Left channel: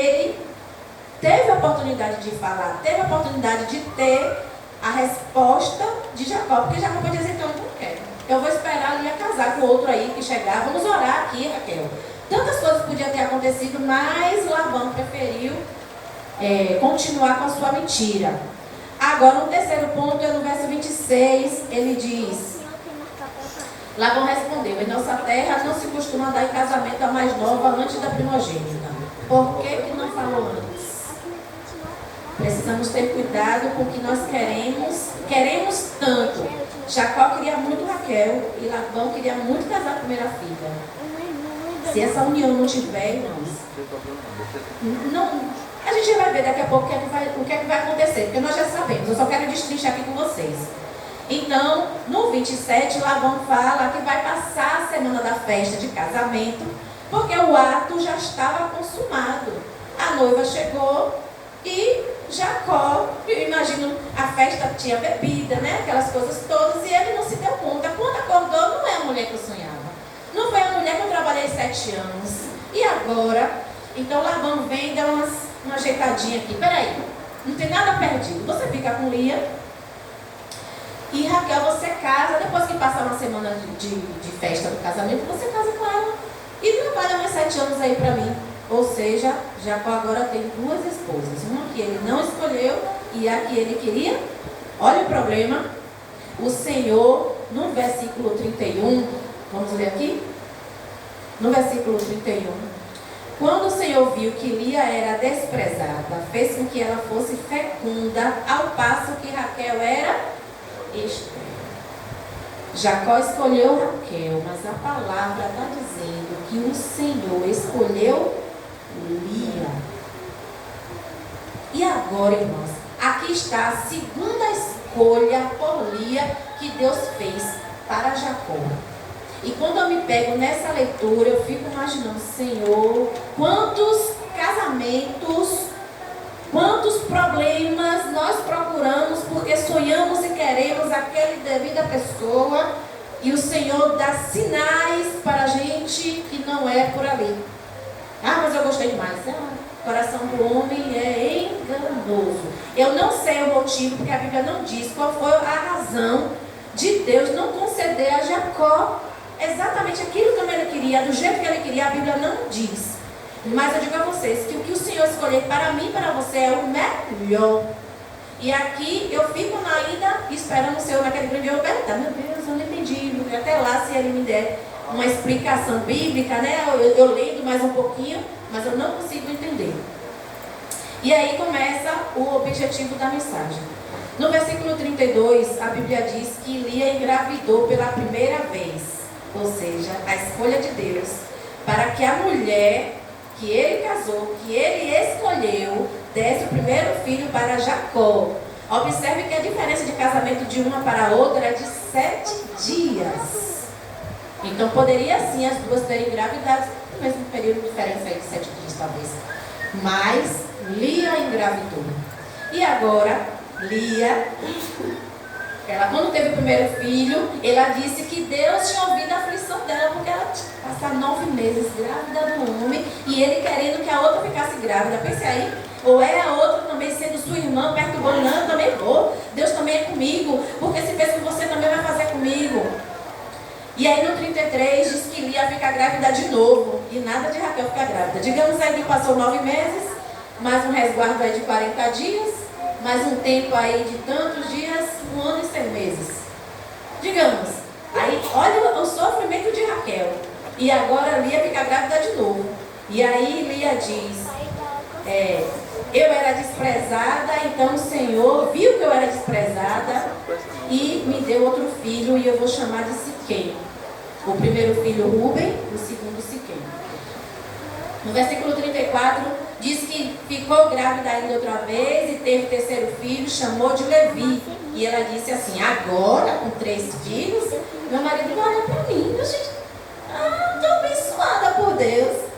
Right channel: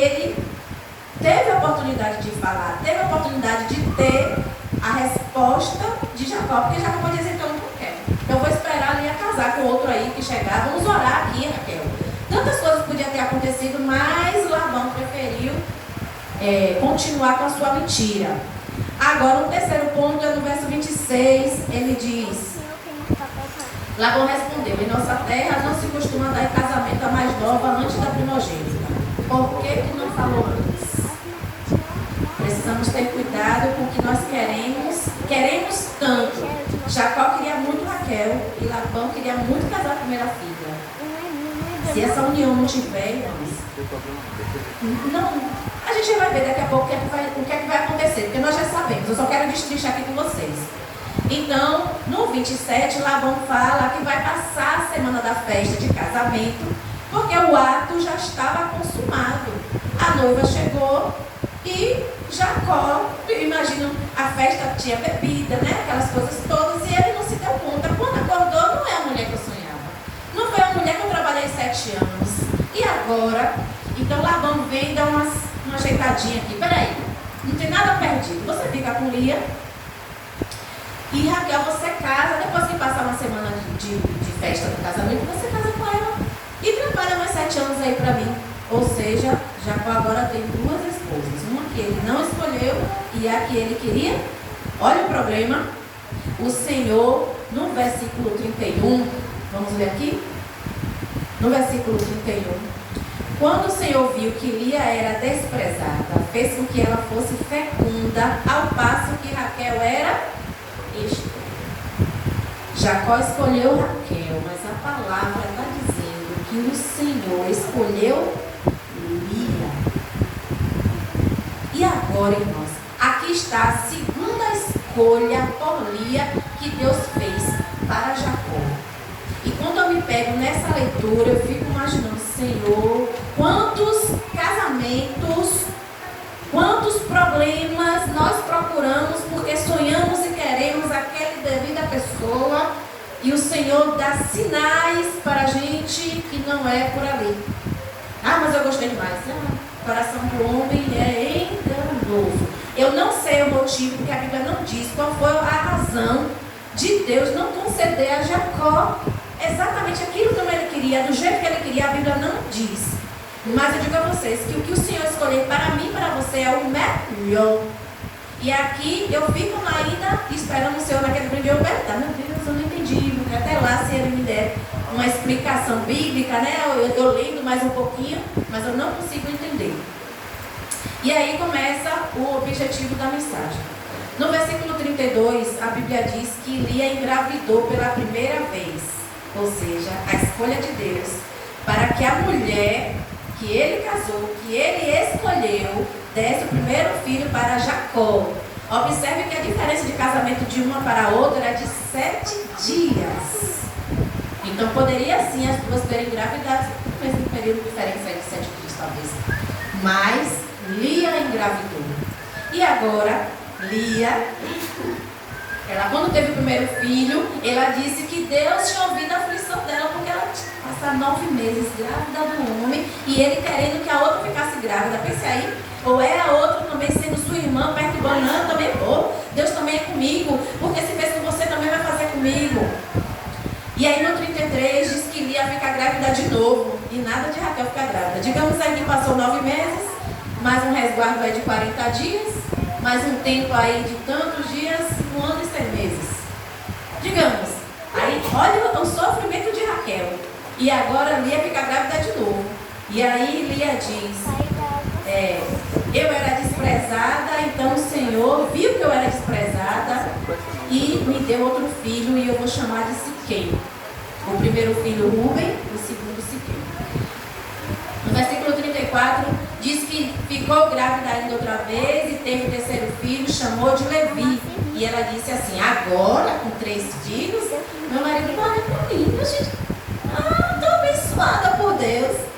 ele teve a oportunidade de falar, teve a oportunidade de ter a resposta de Jacó, porque Jacó podia dizer, então eu não quero, eu vou esperar a Lia casar com outro aí que chegar, vamos orar aqui, Raquel. Tantas coisas podiam ter acontecido, mas Labão preferiu continuar com a sua mentira. Agora, o terceiro ponto é no verso 26, ele diz: Labão respondeu, em nossa terra não se costuma dar em casamento a mais nova antes da primogênita. Por que tu não falou antes? Precisamos ter cuidado com o que nós queremos tanto. Jacó queria muito Raquel e Labão queria muito casar a primeira filha. Se essa união não tiver, irmãos, não, a gente vai ver daqui a pouco o que é que vai acontecer, porque nós já sabemos. Eu só quero destrinchar aqui com vocês. Então, no 27, Labão fala que vai passar a semana da festa de casamento, porque o ato já estava consumado. A noiva chegou e Jacó, imagino, a festa tinha bebida, né? Aquelas coisas todas, e ele não se deu conta. Quando acordou, não é a mulher que eu sonhava. Não foi a mulher que eu trabalhei 7 anos. E agora? Então Labão vem e dá uma ajeitadinha aqui. Peraí, não tem nada perdido. Você fica com Lia e Raquel você casa. Depois que passar uma semana de festa do casamento, você casa com ela e trabalha mais 7 anos aí pra mim. Ou seja, Jacó agora tem 2 esposas. Uma que ele não escolheu e a que ele queria. Olha o problema. O Senhor, no versículo 31, vamos ver aqui? No versículo 31. Quando o Senhor viu que Lia era desprezada, fez com que ela fosse fecunda, ao passo que Raquel era estéril. Jacó escolheu Raquel, mas a palavra está dizendo que o Senhor escolheu Lia. E agora, irmãos, aqui está a segunda escolha por Lia que Deus fez para Jacó. E quando eu me pego nessa leitura, eu fico imaginando, Senhor, quantos casamentos, quantos problemas nós procuramos porque sonhamos e queremos aquela devida pessoa e o Senhor dá sinais para a gente que não é por ali. Ah, mas eu gostei demais. O coração do homem é enganoso. Eu não sei o motivo, porque a Bíblia não diz qual foi a razão de Deus não conceder a Jacó exatamente aquilo que ele queria, do jeito que ele queria. A Bíblia não diz. Mas eu digo a vocês que o que o Senhor escolher para mim e para você é o melhor. E aqui eu fico ainda esperando o Senhor naquele primeiro perguntar, meu Deus, eu não entendi, porque até lá se ele me der uma explicação bíblica, né? Eu lendo mais um pouquinho, mas eu não consigo entender. E aí começa o objetivo da mensagem. No versículo 32, a Bíblia diz que Lia engravidou pela primeira vez. Ou seja, a escolha de Deus para que a mulher que ele casou, que ele escolheu, desse o primeiro filho para Jacó. Observe que a diferença de casamento de uma para a outra é de 7 dias. Então poderia sim as duas terem engravidado no mesmo período, diferença aí de 7 dias talvez. Mas Lia engravidou. E agora, Lia, ela quando teve o primeiro filho, ela disse que Deus tinha ouvido a aflição dela, porque ela passar 9 meses grávida do homem e ele querendo que a outra ficasse grávida. Pense aí, ou é a outra também sendo sua irmã, perturbando, não, também vou, Deus também é comigo, porque se fez com você também vai fazer comigo. E aí no 33 diz que Lia fica grávida de novo, e nada de Raquel ficar grávida. Digamos aí que passou 9 meses, mais um resguardo aí de 40 dias, mais um tempo aí de tantos dias, 1 ano e 6 meses. Digamos, aí olha o sofrimento de Raquel. E agora Lia fica grávida de novo. E aí Lia diz, eu era desprezada, então o Senhor viu que eu era desprezada e me deu outro filho e eu vou chamar de Siquém. O primeiro filho Rúben, o segundo Siquém. No versículo 34 diz que ficou grávida ainda outra vez e teve o terceiro filho, chamou de Levi. E ela disse assim, agora com 3 filhos, meu marido não olha para mim, meu gente. Estou abençoada por Deus.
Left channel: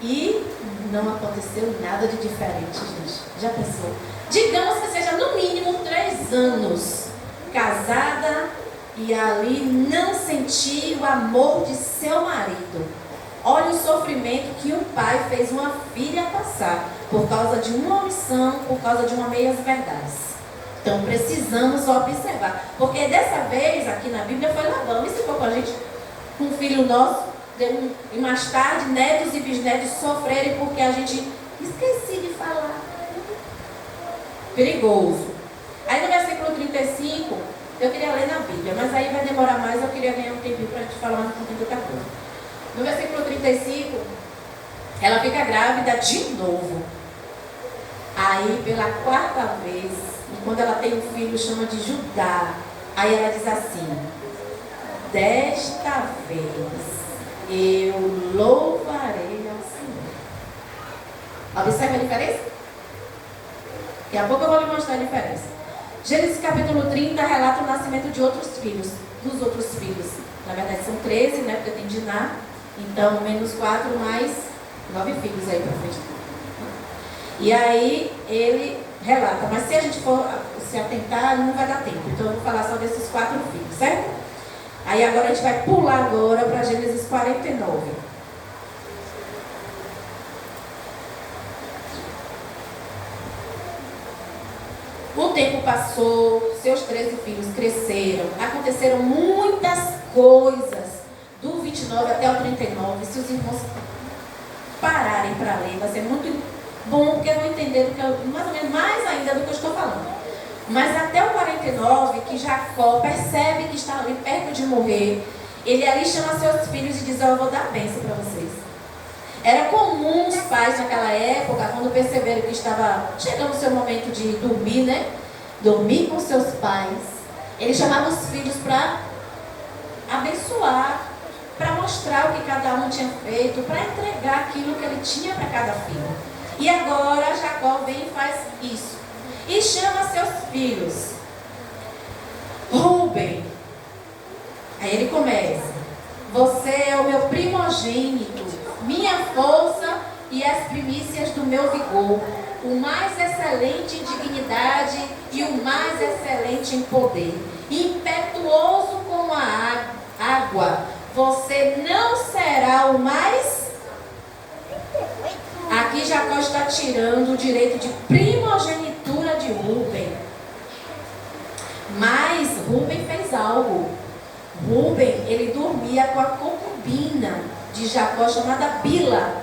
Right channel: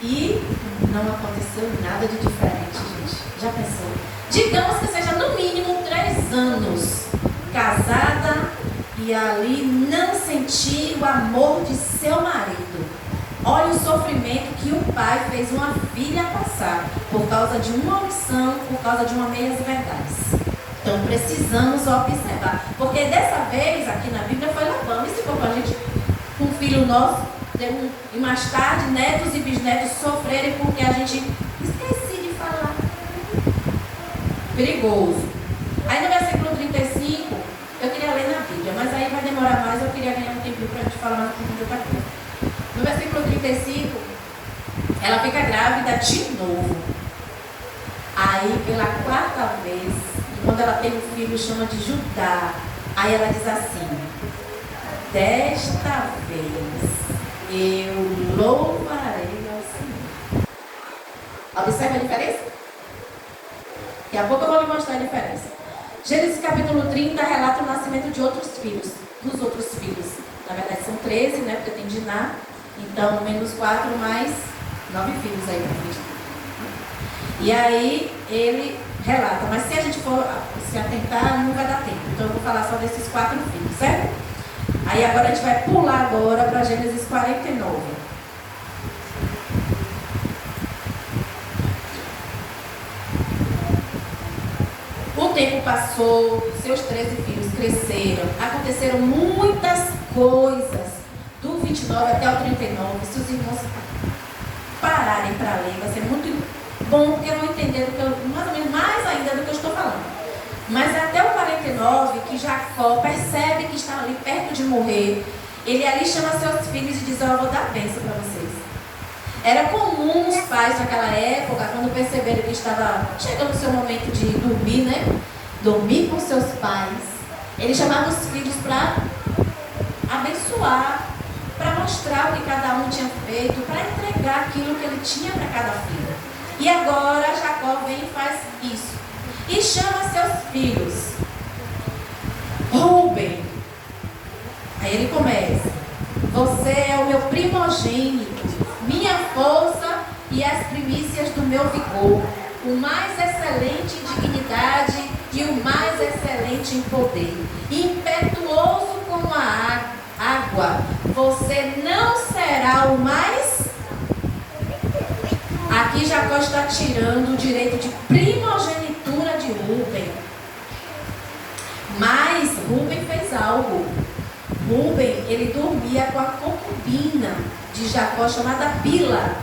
E não aconteceu nada de diferente, gente. Já pensou? Digamos que seja no mínimo 3 anos casada e ali não sentir o amor de seu marido. Olha o sofrimento que um pai fez uma filha passar por causa de uma omissão, por causa de uma meias-verdades. Então precisamos observar. Porque dessa vez, aqui na Bíblia, foi Labão. E se for para a gente, um filho nosso, e mais tarde, netos e bisnetos sofrerem porque a gente esqueci de falar. Perigoso. Aí no versículo 35, eu queria ler na Bíblia, mas aí vai demorar mais, eu queria ganhar um tempinho para a gente falar mais um pouquinho de outra coisa. No versículo 35, ela fica grávida de novo. Aí, pela quarta vez, quando ela tem um filho, chama de Judá. Aí ela diz assim: desta vez eu louvarei ao Senhor. Observe a diferença? Daqui a pouco eu vou lhe mostrar a diferença. Gênesis capítulo 30 relata o nascimento de outros filhos, dos outros filhos. Na verdade são 13, né? Porque tem Diná. Então, menos 4 mais 9 filhos aí pra frente. E aí ele relata, mas se a gente for se atentar, não vai dar tempo. Então eu vou falar só desses 4 filhos, certo? Aí agora a gente vai pular agora para Gênesis 49. O tempo passou, seus 13 filhos cresceram, aconteceram muitas coisas. Do 29 até o 39, se os irmãos pararem para ler, vai ser muito bom, porque eu vou entender mais ou menos mais ainda do que eu estou falando. Mas até o 49, que Jacó percebe que está ali perto de morrer, ele ali chama seus filhos e diz: eu vou dar bênção para vocês. Era comum os pais naquela época, quando perceberam que estava chegando o seu momento de dormir, né? Dormir com seus pais. Ele chamava os filhos para abençoar, para mostrar o que cada um tinha feito, para entregar aquilo que ele tinha para cada filho. E agora Jacó vem e faz isso. E chama seus filhos. Rúben. Aí ele começa: você é o meu primogênito, minha força e as primícias do meu vigor, o mais excelente em dignidade e o mais excelente em poder, impetuoso como a água, você não será o mais. Aqui Jacó está tirando o direito de primogenitura de Rúben. Mas Rúben fez algo. Rúben, ele dormia com a concubina de Jacó, chamada Bila.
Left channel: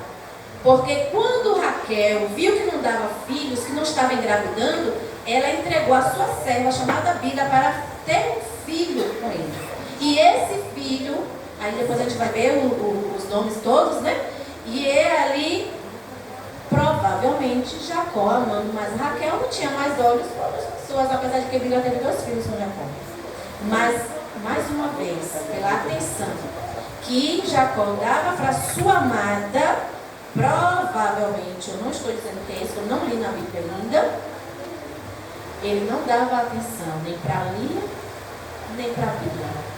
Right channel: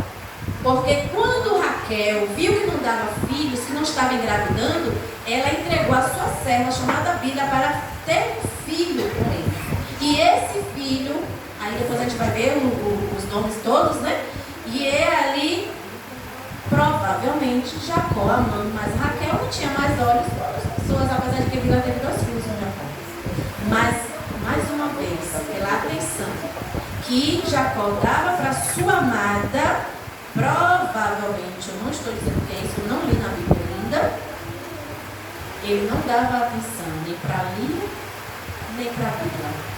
Porque quando Raquel viu que não dava filhos, que não estava engravidando, ela entregou a sua serva, chamada Bila, para ter um filho com ele. E esse filho, aí depois a gente vai ver os nomes todos, né? E é ali, provavelmente, Jacó amando mais Raquel, não tinha mais olhos para outras pessoas, apesar de que Bila teve 2 filhos com Jacó. Mas, mais uma vez, pela atenção que Jacó dava para sua amada, provavelmente, eu não estou dizendo que é isso, eu não li na Bíblia ainda, ele não dava atenção nem para Lia, nem para Bila.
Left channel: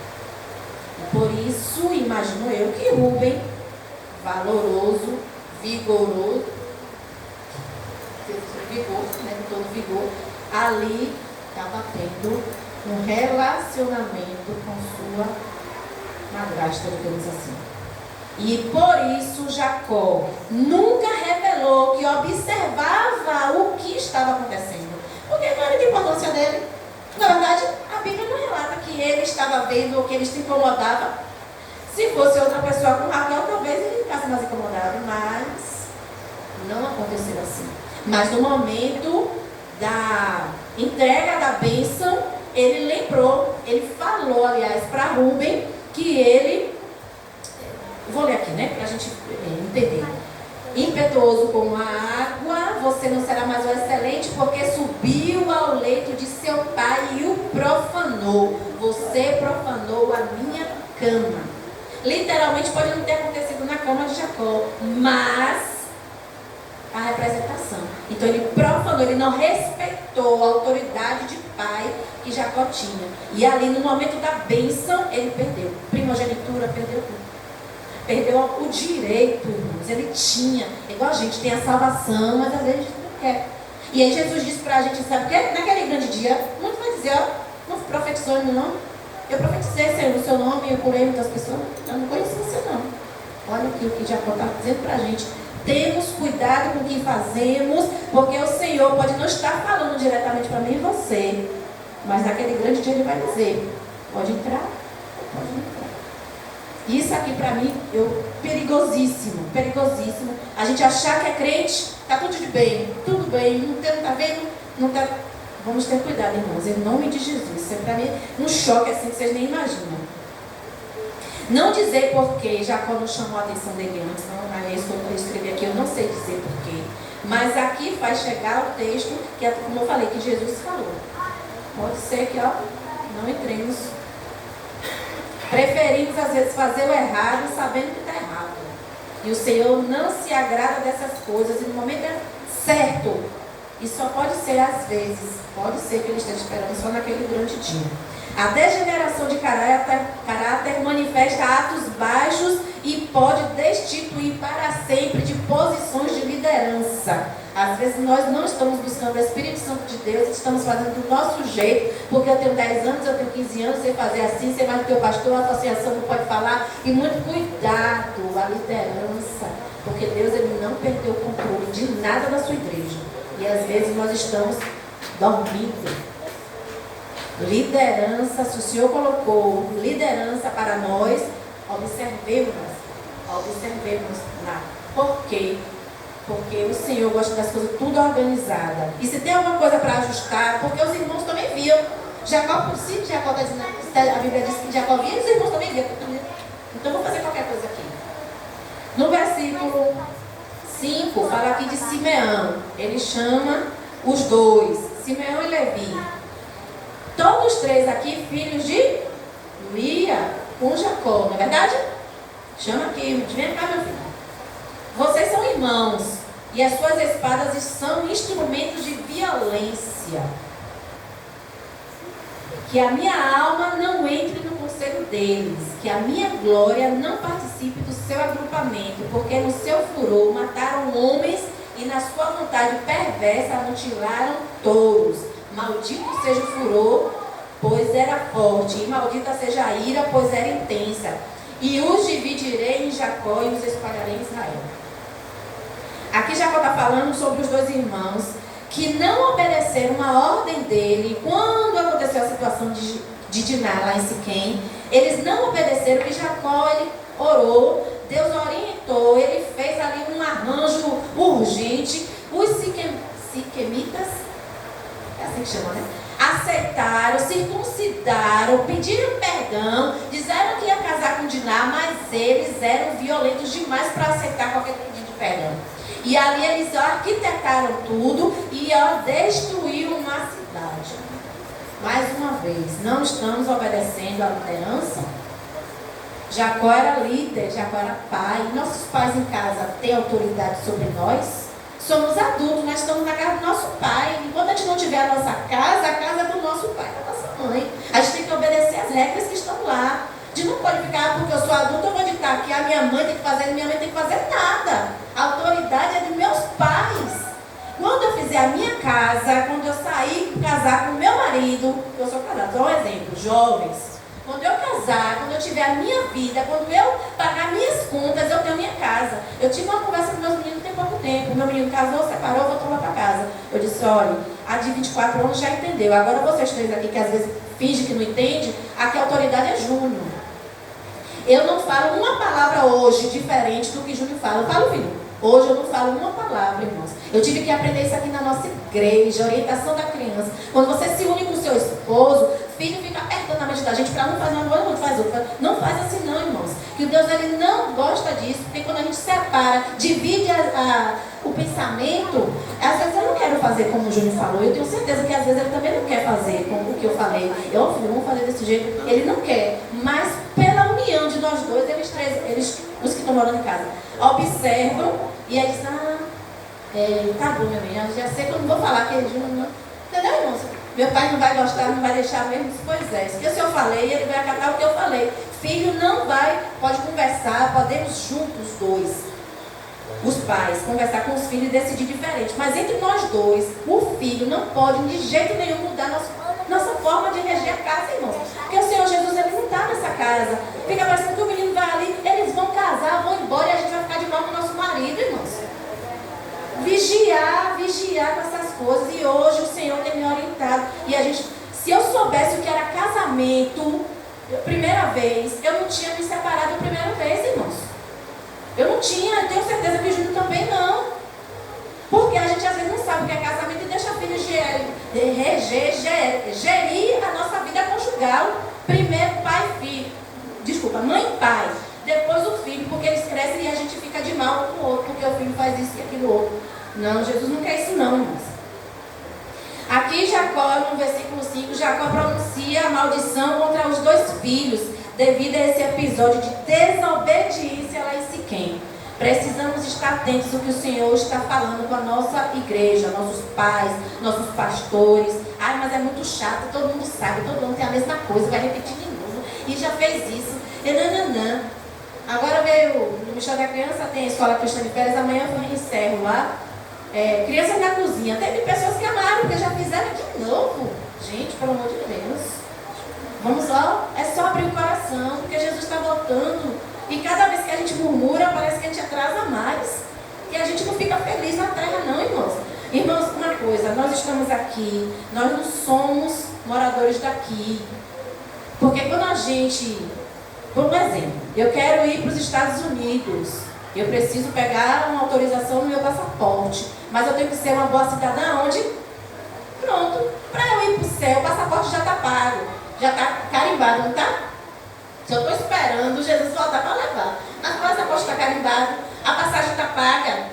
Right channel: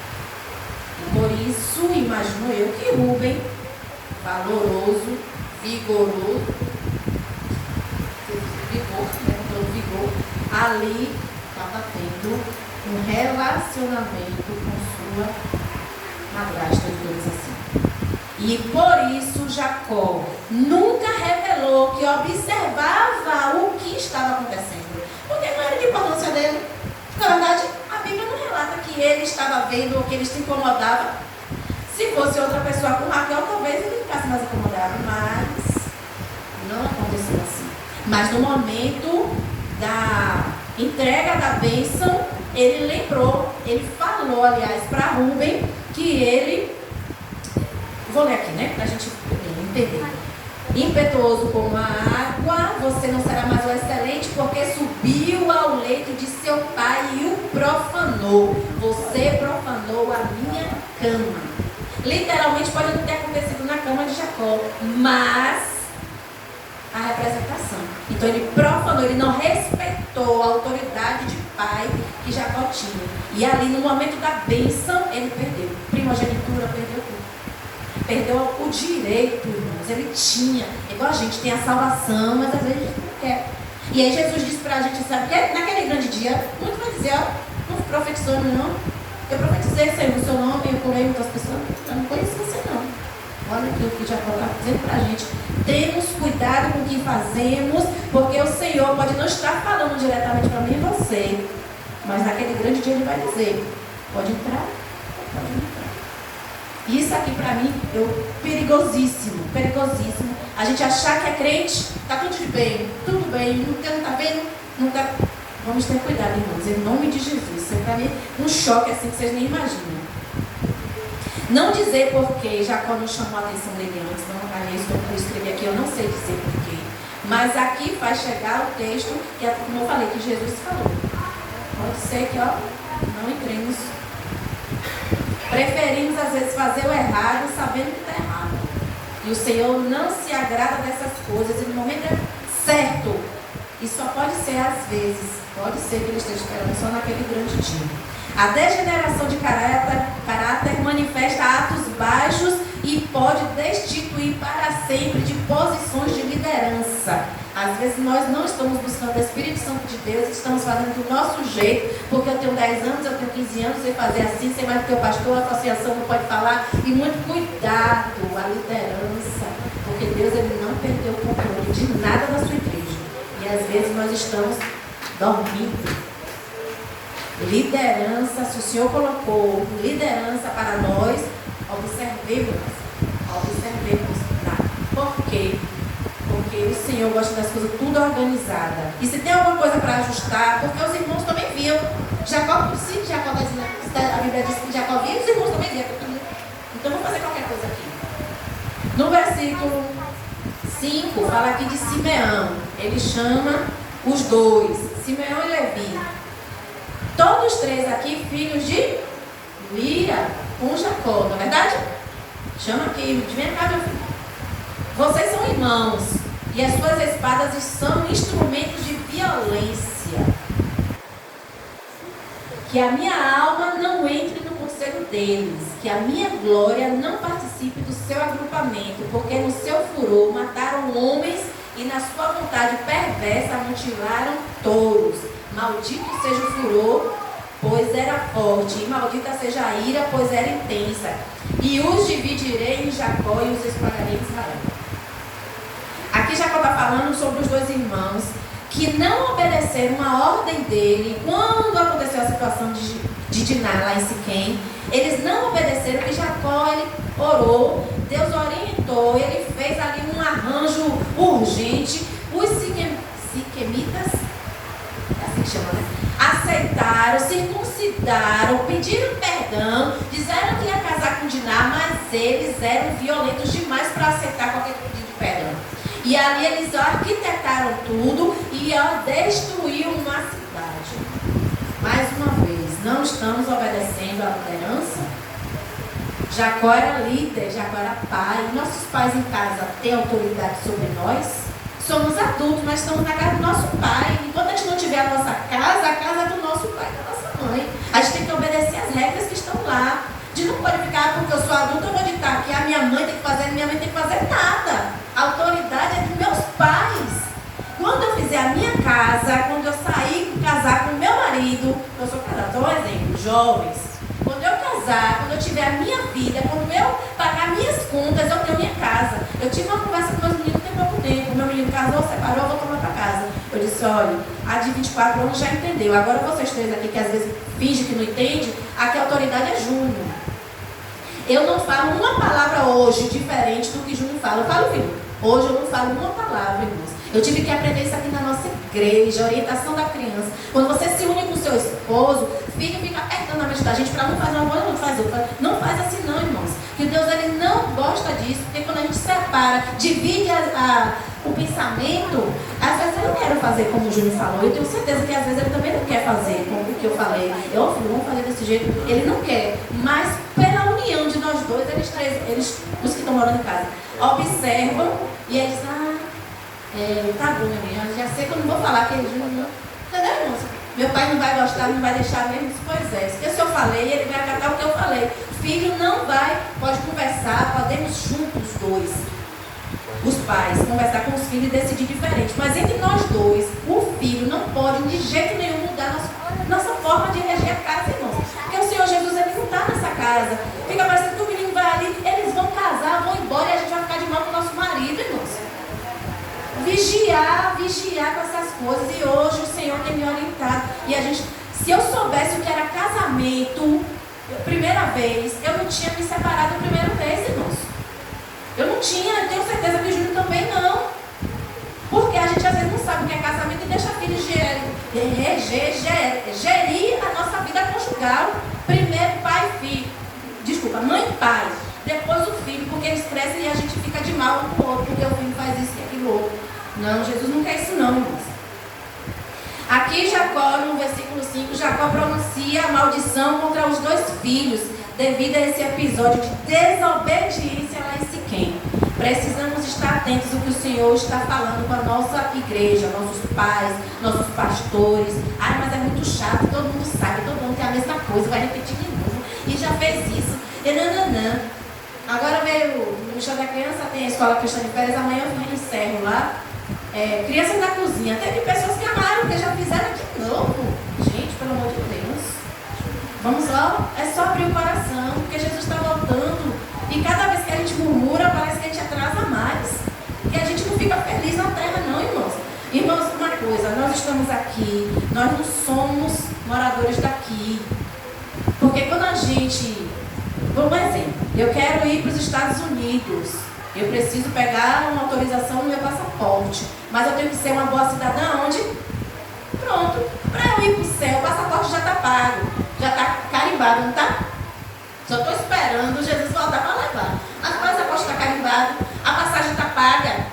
E por isso, imagino eu que Rúben, valoroso, vigoroso, todo vigor, ali estava tendo um relacionamento com sua madrasta, digamos assim. E por isso Jacó nunca revelou que observava o que estava acontecendo. Porque não era de importância dele. Na verdade, a Bíblia não relata que ele estava vendo ou que ele se incomodava. Se fosse outra pessoa com Raquel, talvez ele ficasse mais incomodado. Mas não aconteceu assim. Mas no momento da entrega da bênção, ele lembrou, ele falou, aliás, para Rúben, que ele, vou ler aqui, né, para a gente entender. Impetuoso como a água, você não será mais o excelente, porque subiu ao leito de seu pai e o profanou. Você profanou a minha cama. Literalmente pode não ter acontecido na cama de Jacó, mas a representação. Então ele profanou, ele não respeitou a autoridade de pai que Jacó tinha. E ali no momento da bênção, ele perdeu. Primogenitura, perdeu tudo. Perdeu o direito, irmãos. Ele tinha, igual a gente tem a salvação, mas às vezes a gente não quer. E aí Jesus disse pra gente, sabe o que? Naquele grande dia, muito vai dizer, ó, não profetizou em meu nome. Eu profetizei, Senhor, no seu nome, eu curei muitas pessoas. Eu não conhecia você não. Olha aqui o que Jacó está dizendo para a gente. Temos cuidado com o que fazemos, porque o Senhor pode não estar falando diretamente para mim e você, mas naquele grande dia Ele vai dizer, pode entrar, pode entrar. Isso aqui para mim, perigosíssimo, perigosíssimo. A gente achar que é crente, está tudo bem, nunca está vendo, nunca. Vamos ter cuidado, irmãos, em nome de Jesus. Isso é para mim um choque assim que vocês nem imaginam. Não dizer porquê, Jacó não chamou a atenção dele antes, não é isso que eu escrevi aqui, eu não sei dizer porquê. Mas aqui vai chegar o texto, que é como eu falei, que Jesus falou. Pode ser que, não entremos. Preferimos às vezes fazer o errado, sabendo que está errado. E o Senhor não se agrada dessas coisas, e no momento certo, e só pode ser às vezes, pode ser que Ele esteja esperando só naquele grande dia. A degeneração de caráter manifesta atos baixos e pode destituir para sempre de posições de liderança. Às vezes nós não estamos buscando o Espírito Santo de Deus, estamos fazendo do nosso jeito, porque eu tenho 10 anos, eu tenho 15 anos, sei fazer assim, sei mais do que o pastor, a associação não pode falar. E muito cuidado, a liderança, porque Deus Ele não perdeu o controle de nada da sua igreja. E às vezes nós estamos dormindo. Liderança, se o Senhor colocou liderança para nós, observemos lá. Por quê? Porque o Senhor gosta das coisas tudo organizadas. E se tem alguma coisa para ajustar, porque os irmãos também viam. Jacó, se Jacó está dizendo, a Bíblia diz que Jacó via, os irmãos também viam. Então vou fazer qualquer coisa aqui. No versículo 5, fala aqui de Simeão. Ele chama os dois, Simeão e Levi. Todos três aqui, filhos de Lia com Jacó, não é verdade? Chama aqui, vem cá, meu filho. Vocês são irmãos, e as suas espadas são instrumentos de violência. Que a minha alma não entre no conselho deles, que a minha glória não participe do seu agrupamento, porque no seu furor mataram homens e na sua vontade perversa mutilaram touros. Maldito seja o furor, pois era forte, e maldita seja a ira, pois era intensa. E os dividirei em Jacó e os espalharei em Israel. Aqui Jacó está falando sobre os dois irmãos que não obedeceram a ordem dele. Quando aconteceu a situação de Diná lá em Siquém, eles não obedeceram, porque Jacó ele orou, Deus orientou, ele fez ali um arranjo urgente. Os siquemitas, é assim que chama, né? Aceitaram, circuncidaram, pediram perdão, disseram que ia casar com Diná, mas eles eram violentos demais para aceitar qualquer pedido de perdão. E ali eles arquitetaram tudo e destruíram uma cidade. Mais uma vez, não estamos obedecendo à liderança. Jacó era líder, Jacó era pai. Nossos pais em casa têm autoridade sobre nós. Somos adultos, mas estamos na casa do nosso pai. Enquanto a gente não tiver a nossa casa, a casa é do nosso pai, da nossa mãe. A gente tem que obedecer as regras que estão lá. A gente não pode ficar, porque eu sou adulta, eu vou ditar que a minha mãe tem que fazer, minha mãe tem que fazer nada. A autoridade é dos meus pais. Quando eu fizer a minha casa, quando eu sair casar com o meu marido, eu sou casada, só um exemplo, jovens. Quando eu casar, quando eu tiver a minha vida, quando eu pagar minhas contas, eu tenho minha casa. Eu tive uma conversa com meus meninos tem pouco tempo. Meu menino casou, separou, voltou lá para casa. Eu disse, olha, a de 24 anos já entendeu. Agora vocês três aqui que às vezes fingem que não entende, aqui a autoridade é Júnior. Eu não falo uma palavra hoje diferente do que Júnior fala. Eu falo, filho, hoje eu não falo uma palavra, irmãos. Eu tive que aprender isso aqui na nossa igreja, orientação da criança. Quando você se une com o seu esposo, o filho fica apertando a mente da gente para não fazer uma coisa, não faz outra. Não faz assim não, irmãos. Que Deus ele não gosta disso, porque quando a gente separa, divide o pensamento, às vezes eu não quero fazer como o Júnior falou. Eu tenho certeza que às vezes ele também não quer fazer como o que eu falei. Eu filho, vamos fazer desse jeito. Ele não quer, mas pela união de nós dois, eles os que estão morando em casa, observam e eles tá bom, minha menina, já sei que eu não vou falar que ele não. Entendeu, irmãos? Meu pai não vai gostar, não vai deixar mesmo. Pois é, porque se eu falei, ele vai acatar o que eu falei. Filho não vai, pode conversar, podemos juntos os dois, os pais, conversar com os filhos e decidir diferente. Mas entre nós dois, o filho não pode de jeito nenhum mudar nossa forma de reagir a casa, irmãos. Porque o Senhor Jesus, ele não está nessa casa. Fica parecendo que o menino vai ali, eles vão casar. casar, vão embora e a gente vai ficar de mal com o nosso marido, irmãos. Vigiar com essas coisas. E hoje o Senhor tem me orientado. E a gente, se eu soubesse o que era casamento, primeira vez, eu não tinha me separado a primeira vez, irmãos. Eu não tinha, eu tenho certeza que o Júnior também não. Porque a gente às vezes não sabe o que é casamento e deixa a filha gerir a nossa vida conjugal. Primeiro pai e filho. Desculpa, mãe e pai. Depois o filho, porque eles crescem e a gente fica de mal um com o outro, porque o filho faz isso e aquilo outro. Não, Jesus não quer isso não, irmãos. Aqui Jacó, no versículo 5, Jacó pronuncia a maldição contra os 2 filhos, devido a esse episódio de desobediência lá em Siquém. Precisamos estar atentos ao que o Senhor está falando com a nossa igreja, nossos pais, nossos pastores. Ai, mas é muito chato, todo mundo sabe, todo mundo tem a mesma coisa, vai repetir de novo. E já fez isso. E nananã. Agora veio no Michel da Criança, tem a escola cristã de férias, amanhã eu encerro lá. Crianças da cozinha. Teve pessoas que amaram, porque já fizeram de novo. Gente, pelo amor de Deus. Vamos lá, é só abrir o coração, porque Jesus está voltando. E cada vez que a gente murmura, parece que a gente atrasa mais. E a gente não fica feliz na terra, não, irmãos. Irmãos, uma coisa, nós estamos aqui, nós não somos moradores daqui. Porque quando a gente, por um exemplo, eu quero ir para os Estados Unidos, eu preciso pegar uma autorização no meu passaporte, mas eu tenho que ser uma boa cidadã onde? Pronto, para eu ir para o céu, o passaporte já está pago, já está carimbado, não está? Só estou esperando Jesus voltar para levar. Mas o passaporte está carimbado, a passagem está paga.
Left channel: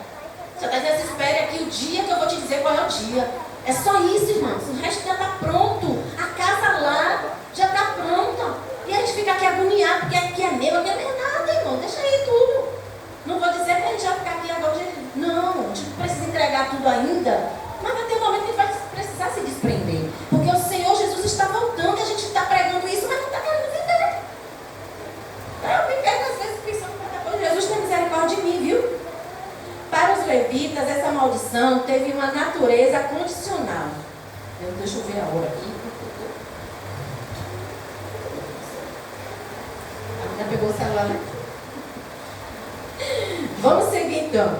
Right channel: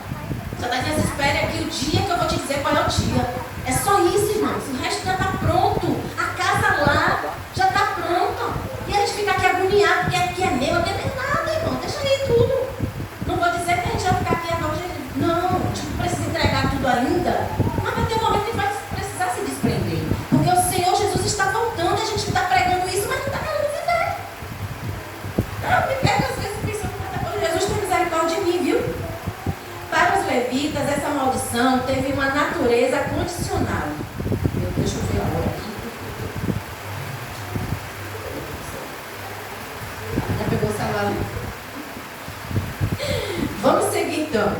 Só está dizendo, espere aqui o dia que eu vou te dizer qual é o dia. É só isso, irmãos. O resto já está pronto. A casa lá já está pronta. E a gente fica aqui agoniado, porque aqui é meu, aqui não é nada, irmão. Deixa aí tudo. Não vou dizer que a gente vai ficar aqui agora. Não, a gente não precisa entregar tudo ainda. Mas vai ter um momento que a gente vai precisar se desprender. Porque o Senhor Jesus está voltando e a gente está pregando isso, mas não está querendo viver. Eu me pego às vezes pensando, Jesus tem misericórdia de mim, viu? Para os levitas, essa maldição teve uma natureza condicional. Deixa eu ver a hora aqui. Já pegou o celular? Vamos seguir então.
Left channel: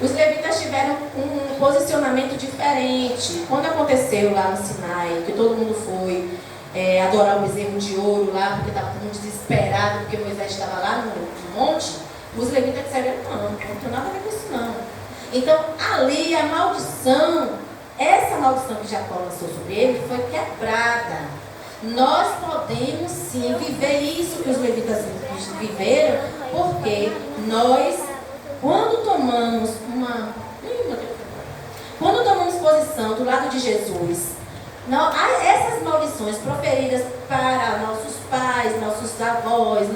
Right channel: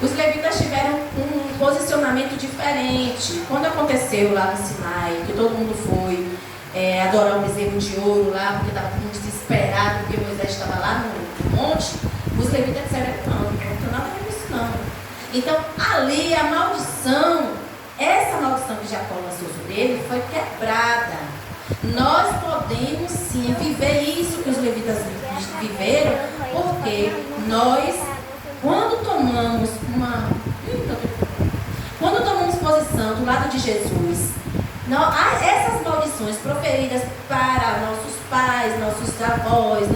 Os levitas tiveram um posicionamento diferente. Quando aconteceu lá no Sinai, que todo mundo foi adorar o bezerro de ouro lá, porque estava todo mundo desesperado, porque Moisés estava lá no monte, os levitas disseram, não tem nada a ver com isso não. Então, ali a maldição, essa maldição que Jacó lançou sobre ele, foi quebrada. Nós podemos sim viver isso que os levitas viveram, porque nós, quando tomamos posição do lado de Jesus, essas maldições proferidas para nossos pais, nossos avós,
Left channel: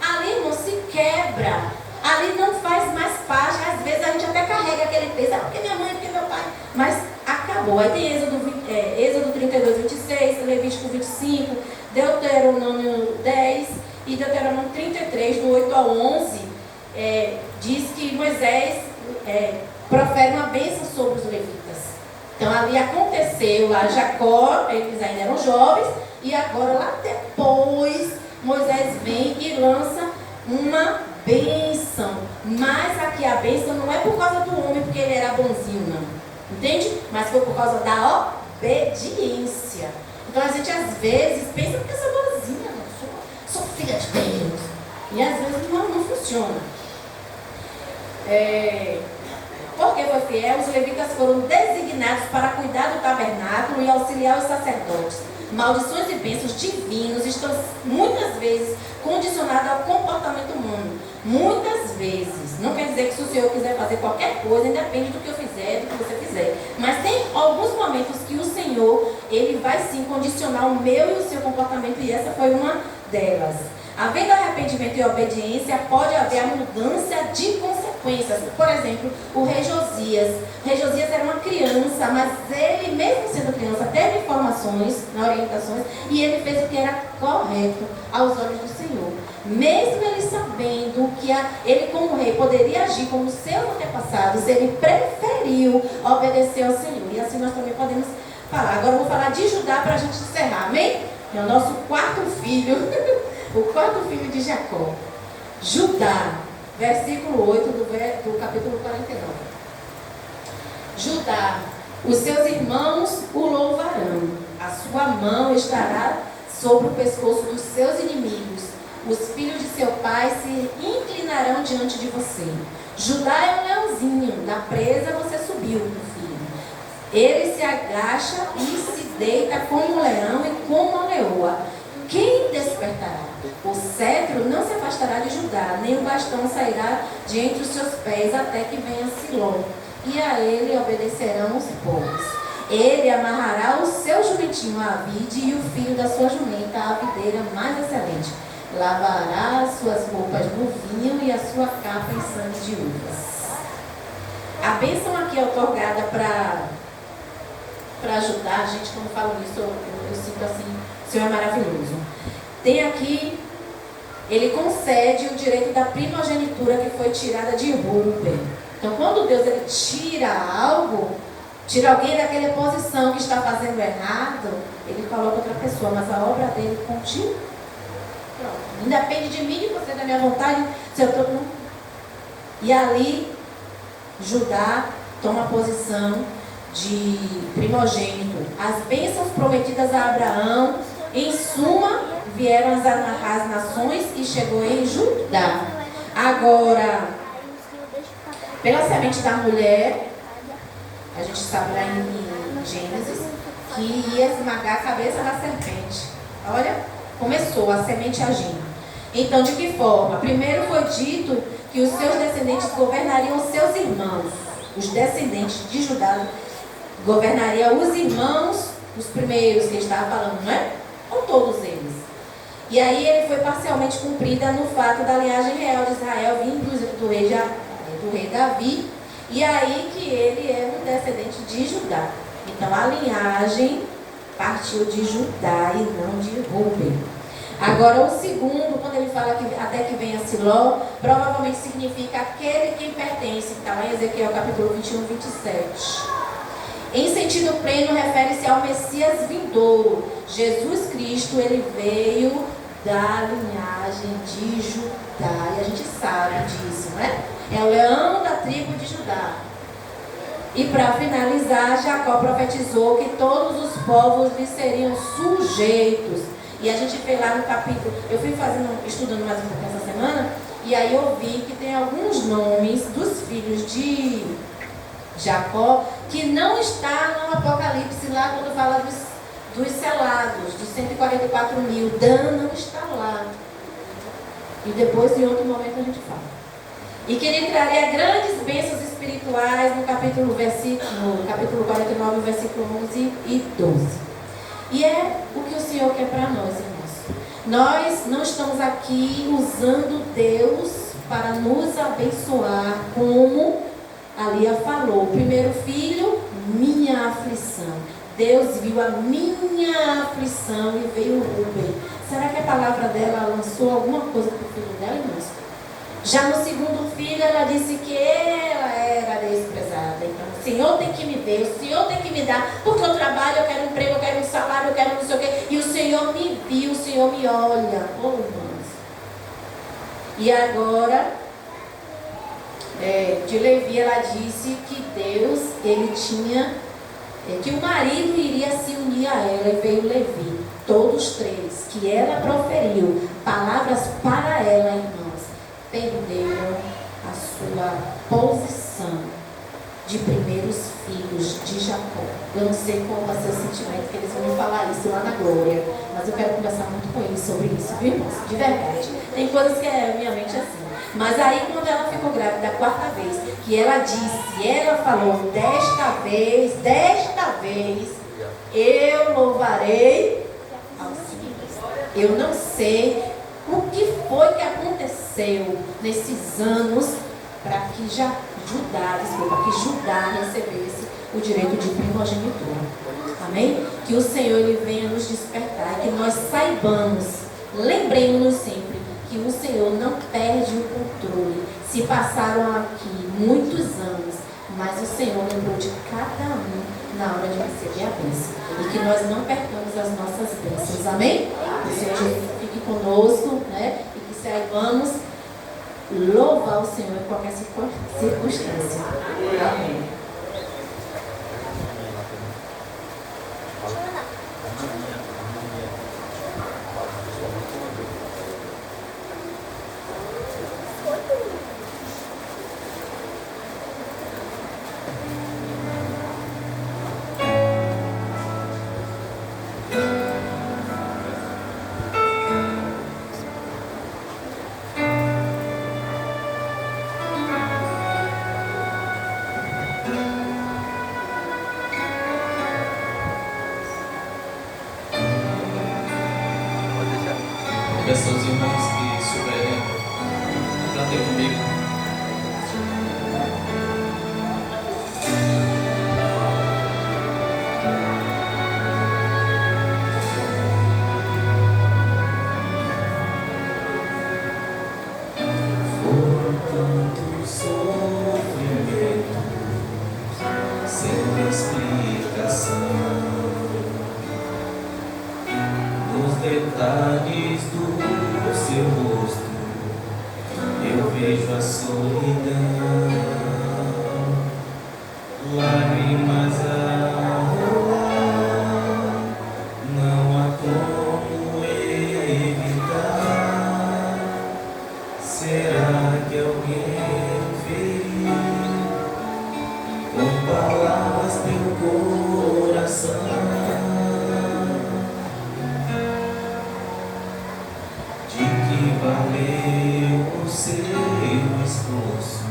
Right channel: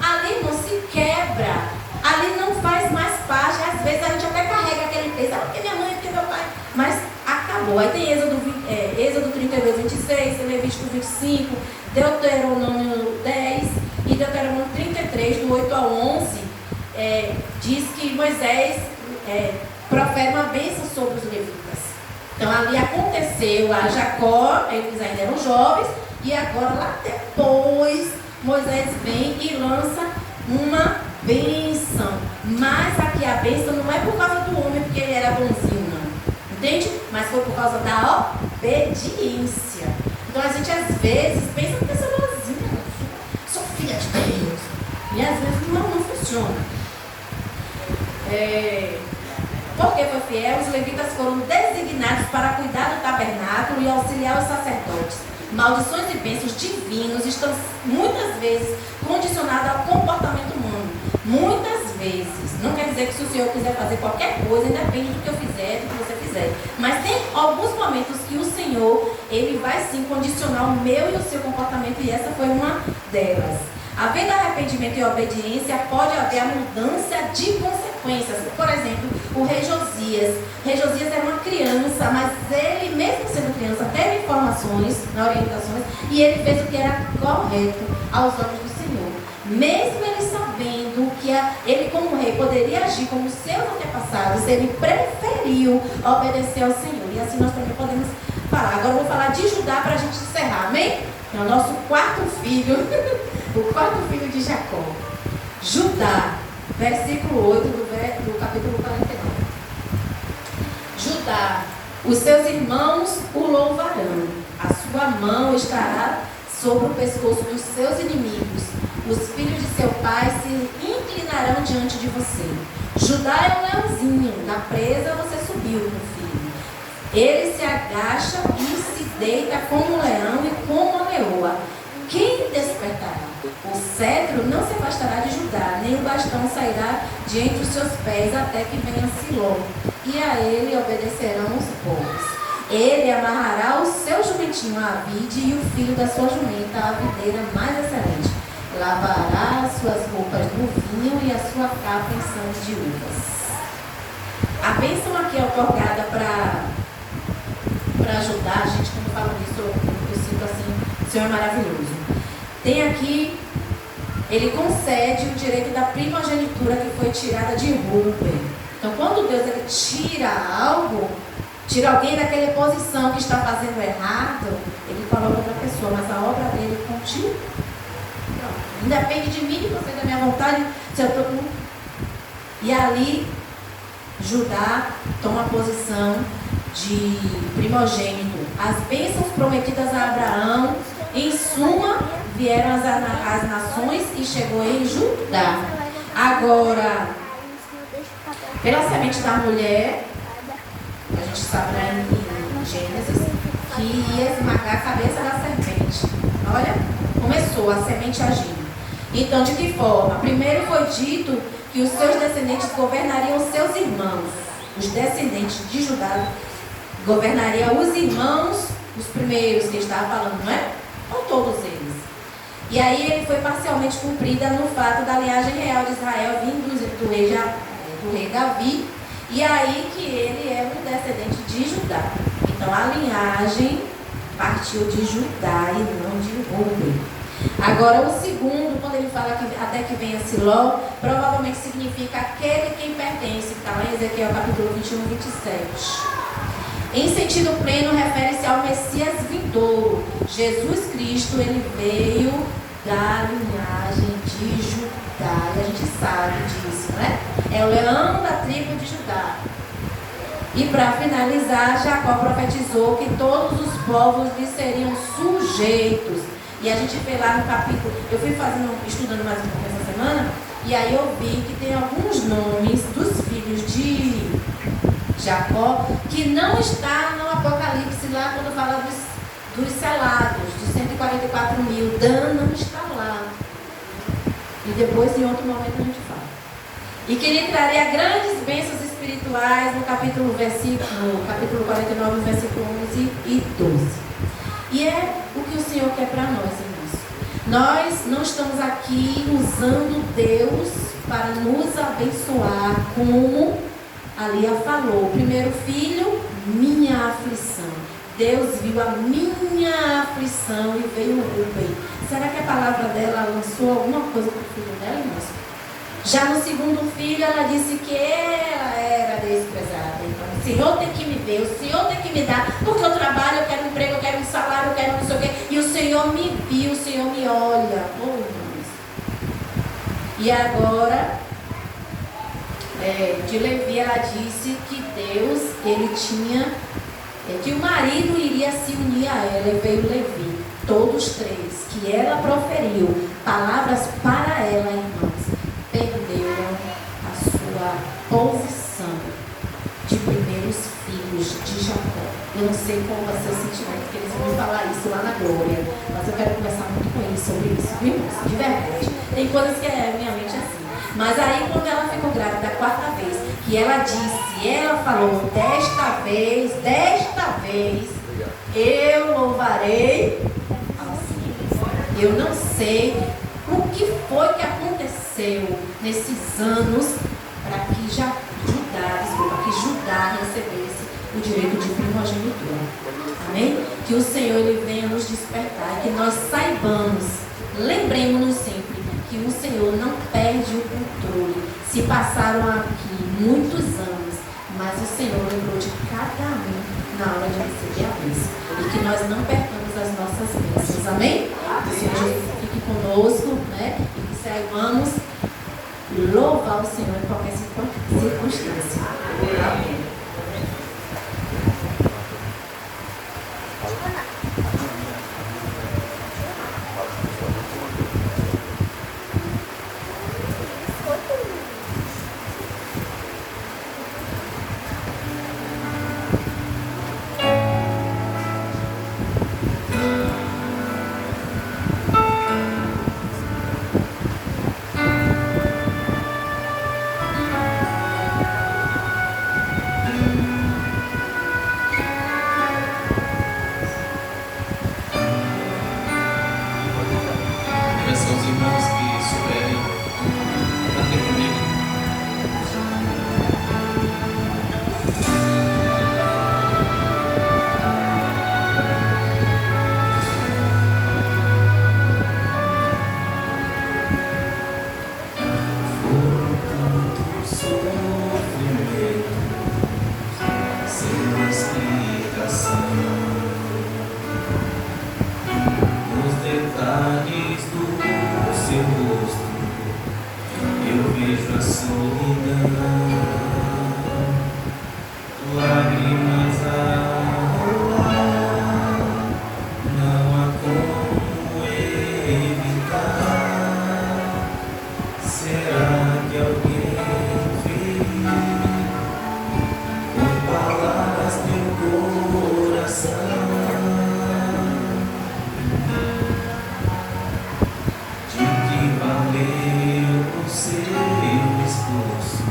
ali não se quebra, ali não faz mais parte. Às vezes a gente até carrega aquele texto, porque minha mãe, porque meu pai, mas acabou. Aí tem Êxodo 32, 26, Levítico 25, Deuteronômio 10 e Deuteronômio 33, do 8 ao 11, diz que Moisés profere uma bênção sobre os levitas. Então ali aconteceu, lá Jacó, eles ainda eram jovens, e agora lá depois Moisés vem e lança uma bênção. Mas aqui a bênção não é por causa do homem, porque ele era bonzinho, não. Entende? Mas foi por causa da obediência. Então a gente às vezes pensa que eu sou boazinha, sou filha de Deus. E às vezes não funciona. Porque foi fiel, os levitas foram designados para cuidar do tabernáculo e auxiliar os sacerdotes. Maldições e bênçãos divinos estão muitas vezes condicionadas ao comportamento humano. Muitas vezes. Não quer dizer que se o Senhor quiser fazer qualquer coisa, independe do que eu fizer, do que você fizer. Mas tem alguns momentos que o Senhor, Ele vai sim condicionar o meu e o seu comportamento, e essa foi uma delas. Havendo arrependimento e obediência, pode haver a mudança de consequências. Por exemplo, o rei Josias. O rei Josias era uma criança, mas ele, mesmo sendo criança, teve informações, orientações, e ele fez o que era correto aos olhos do Senhor. Mesmo ele sabendo que ele, como rei, poderia agir como seus antepassados, ele preferiu obedecer ao Senhor. E assim nós também podemos falar. Agora eu vou falar de Judá para a gente encerrar, amém? É o nosso quarto filho. O quarto filho de Jacó. Judá, versículo 8 do capítulo 49. Judá, os seus irmãos o louvarão, a sua mão estará sobre o pescoço dos seus inimigos, os filhos de seu pai se inclinarão diante de você. Judá é um leãozinho, da presa você subiu, meu filho. Ele se agacha e se deita como um leão e como uma leoa. Quem despertará? O cetro não se afastará de Judá, nem o bastão sairá de entre os seus pés, até que venha Siló, e a ele obedecerão os povos. Ele amarrará o seu jumentinho à vide e o filho da sua jumenta à videira mais excelente. Lavará as suas roupas no vinho e a sua capa em sangue de uvas. A bênção aqui é otorgada para ajudar a gente, como eu falo disso, eu sinto assim, o Senhor é maravilhoso. Tem aqui, ele concede o direito da primogenitura que foi tirada de Rúben. Então, quando Deus ele tira algo, tira alguém daquela posição que está fazendo errado, ele coloca outra pessoa, mas a obra dele continua. Não depende de mim, de você, da minha vontade, se eu estou com... E ali, Judá toma a posição de primogênito. As bênçãos prometidas a Abraão, em suma, vieram as nações e chegou em Judá. Agora, pela semente da mulher, a gente sabe lá em Gênesis, que ia esmagar a cabeça da serpente. Olha, começou a semente agindo. Então, de que forma? Primeiro foi dito que os seus descendentes governariam os seus irmãos. Os descendentes de Judá governariam os irmãos, os primeiros que ele estava falando, não é? Não todos eles. E aí ele foi parcialmente cumprida no fato da linhagem real de Israel vindo do rei Davi. E aí que ele é um descendente de Judá. Então a linhagem partiu de Judá e não de Rúben. Agora o segundo, quando ele fala que até que venha Siló, provavelmente significa aquele quem pertence. Está lá em Ezequiel capítulo 21, 27. Em sentido pleno, refere-se ao Messias vindouro. Jesus Cristo, ele veio da linhagem de Judá. E a gente sabe disso, né? É o leão da tribo de Judá. E para finalizar, Jacó profetizou que todos os povos lhe seriam sujeitos. E a gente vê lá no capítulo, eu fui estudando mais um pouco essa semana, e aí eu vi que tem alguns nomes dos filhos de Jacó que não está no Apocalipse lá quando fala dos selados, dos 144 mil. Dan não está lá. E depois, em outro momento, a gente fala. E que ele traria grandes bênçãos espirituais no capítulo 49, versículo 11 e 12. E é o que o Senhor quer para nós, irmãos. Nós não estamos aqui usando Deus para nos abençoar, como a Lia falou. Primeiro filho, minha aflição. Deus viu a minha aflição e veio o Rúben. Será que a palavra dela lançou alguma coisa para o filho dela, irmãos? Já no segundo filho, ela disse que ela era desprezada. Então, o Senhor tem que me ver, o Senhor tem que me dar, porque eu trabalho, eu quero um emprego, eu quero um salário, eu quero não sei o quê. E o Senhor me viu, o Senhor me olha. Oh, irmãos. E agora, de Levi, ela disse que Deus, ele tinha, que o marido iria se unir a ela. E veio Levi, todos três, que ela proferiu palavras para ela, irmãos, perderam a sua posição de primeiros filhos de Jacó. Eu não sei qual vai ser o sentimento, porque eles vão me falar isso lá na glória, mas eu quero conversar muito com eles sobre isso, viu, irmãos? De verdade. Tem coisas que minha mente é assim. Mas aí, quando ela ficou grávida da quarta vez, que ela disse, ela falou, desta vez, eu louvarei ao Senhor. Eu não sei o que foi que aconteceu nesses anos para que Judá recebesse o direito de primogenitura. Amém? Que o Senhor ele venha nos despertar e que nós saibamos, lembremos-nos sempre que o Senhor não perde o controle. Se passaram aqui muitos anos, mas o Senhor lembrou de cada um na hora de receber a bênção. E que nós não percamos as nossas bênçãos. Amém? Que o Senhor fique conosco, né? E que saibamos louvar o Senhor em qualquer circunstância. Amém. Peço aos irmãos que souberem, cantem comigo. Foram tantos sofrimentos, sem explicação, nos detalhes do seu rosto eu vejo a solidão, lágrimas a rolar, não há como evitar. Será que alguém feriu com palavras teu coração? De que valeu o seu esforço?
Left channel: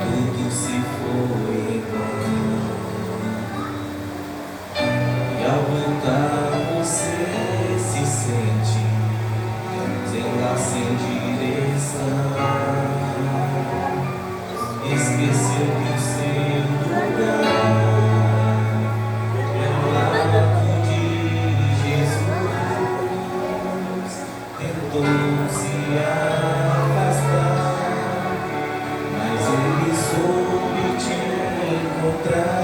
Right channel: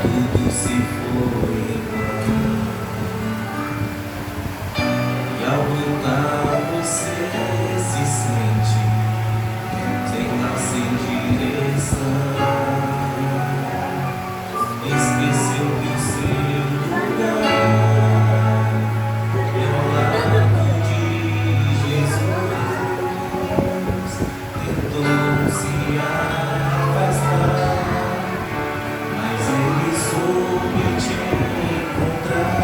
Tudo se foi em vão. E ao voltar você se sente sem lá, sem direção. Esqueceu que o seu lugar era ao lado de Jesus. Tentou se afastar, mas ele soube te encontrar.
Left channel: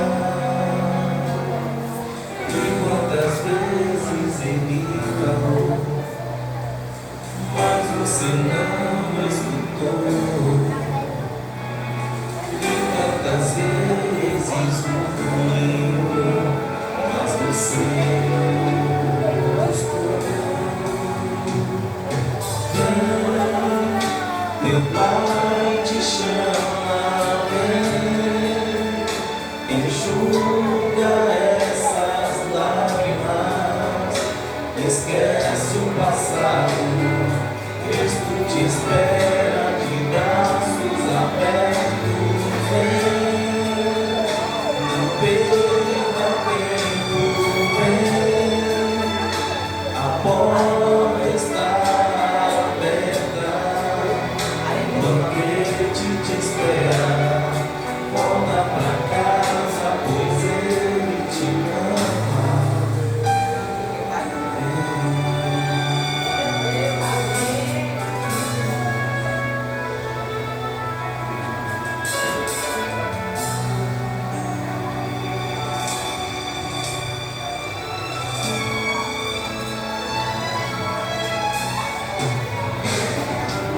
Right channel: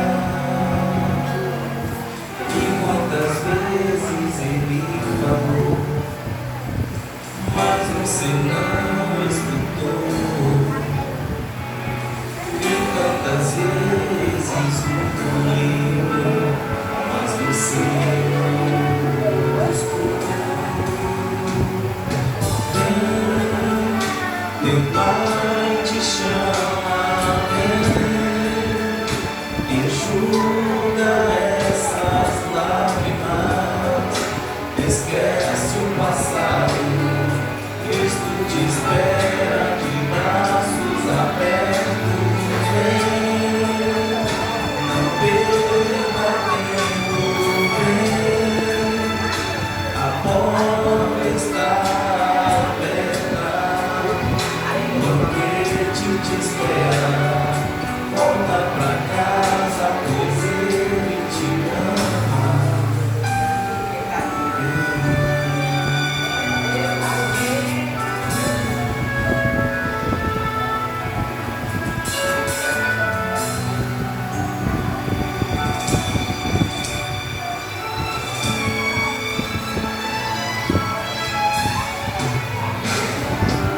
E quantas vezes ele falou, mas você não escutou. E tantas vezes não lembrou, mas você não buscou. Vem, teu Pai te chama, vem, enxuga essas lágrimas, esquece o passado. Cristo te espera de braços abertos. Vem, não perca tempo, vem, a porta está aberta, o banquete te espera. Volta pra casa, pois ele te ama.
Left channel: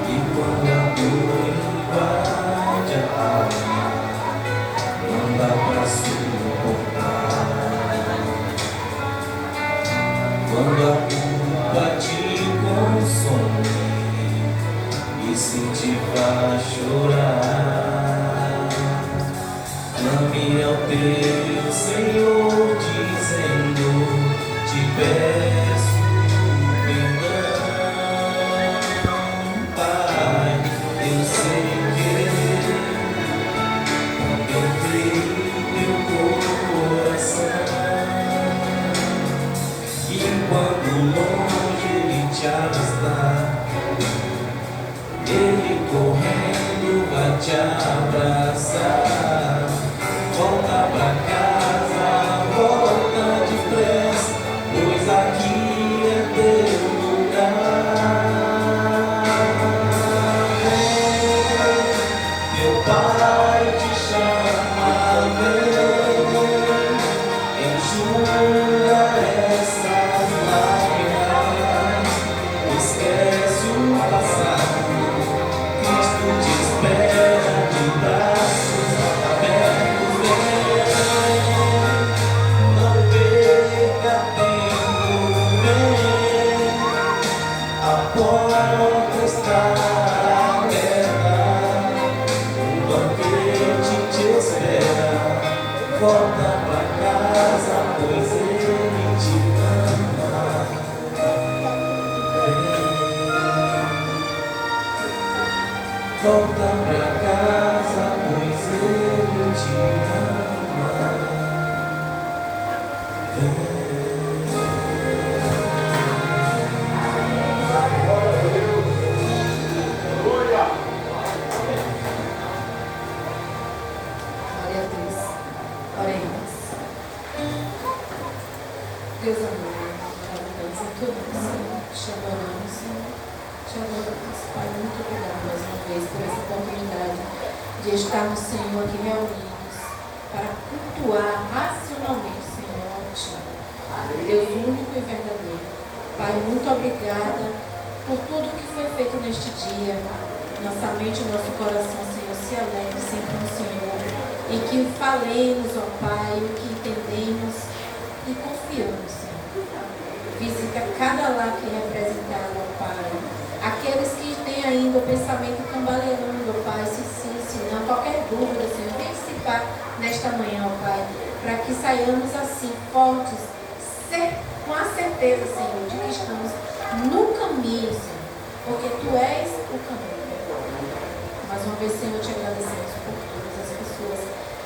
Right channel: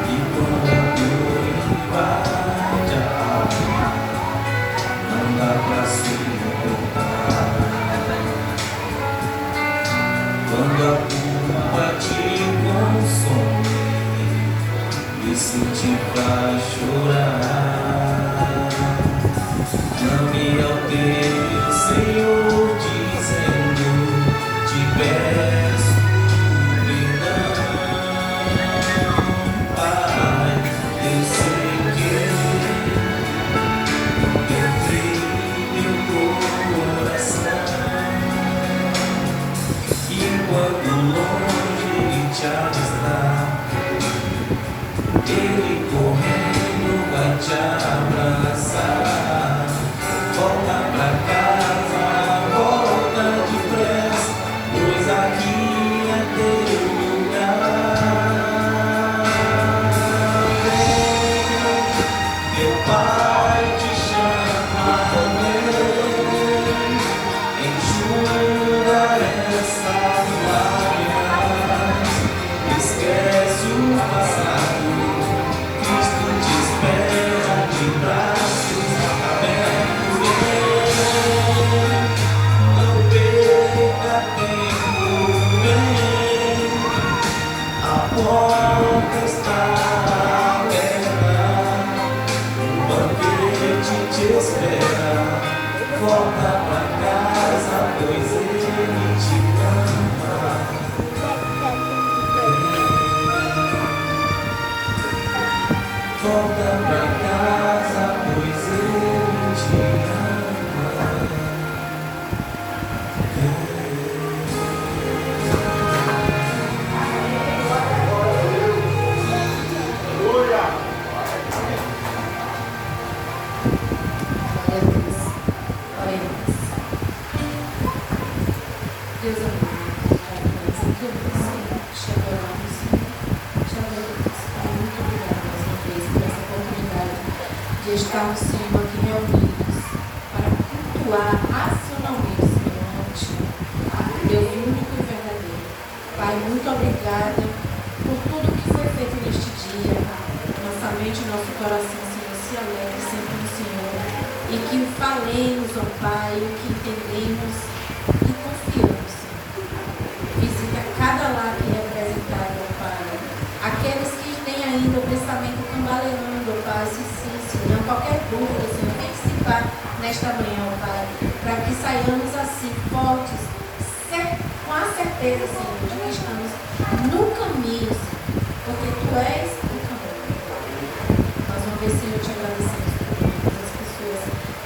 E quando a dor invade a alma, não dá pra suportar. Quando a culpa te consome, isso te faz chorar. Clame ao teu Senhor dizendo, te peço perdão. Pai, eu sei que contemplei meu coração, e quando longe ele te avistar, ele correndo vai te abraçar. Volta pra casa, volta depressa, pois aqui estarmos, Senhor, aqui reunidos para cultuar racionalmente, Senhor, Deus único e verdadeiro. Pai, muito obrigada por tudo que foi feito neste dia. Nossa mente e nosso coração, Senhor, se alegre sempre no Senhor. E que falemos, ó Pai, o que entendemos e confiamos, Senhor. Visita cada lar aqui representado, ó Pai. Aqueles que têm ainda o pensamento cambaleando, ó Pai, se não qualquer dúvida, Senhor, participar nesta manhã, ó Pai, para que saiamos assim, fortes, com a certeza, Senhor, de que estamos no caminho, Senhor, porque Tu és o caminho. Mais uma vez, Senhor, te agradecemos por todas as pessoas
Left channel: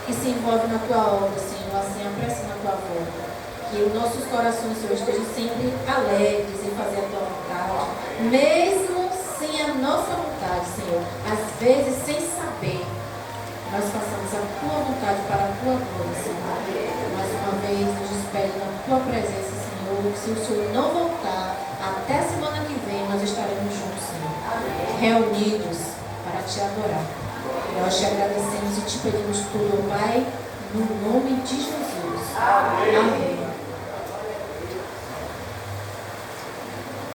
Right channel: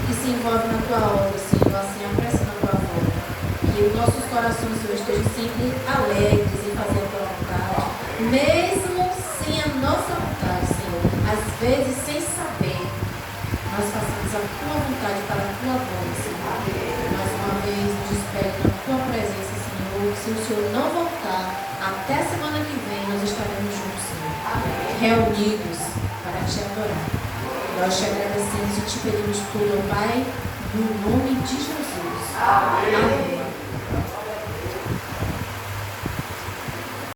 que se envolvem na Tua obra, Senhor, assim apressando a Tua volta. Que os nossos corações, Senhor, estejam sempre alegres em fazer a Tua vontade, mesmo sem a nossa vontade, Senhor, às vezes sem saber, nós façamos a Tua vontade para a Tua glória, Senhor. Mais uma vez, nos despede na Tua presença, Senhor. Se o Senhor não voltar, até semana que vem nós estaremos juntos, Senhor. Reunidos para Te adorar. Nós Te agradecemos e Te pedimos tudo, Pai, no nome de Jesus. Amém.